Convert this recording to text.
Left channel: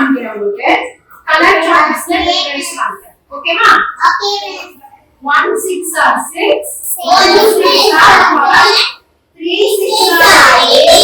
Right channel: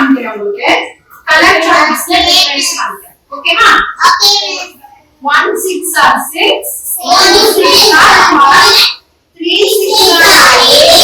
काम किया बोल के कलर चॉइस में ले ले काम कर ओके ना ओके 1 6 6 1 2 3 4 5 3 6 8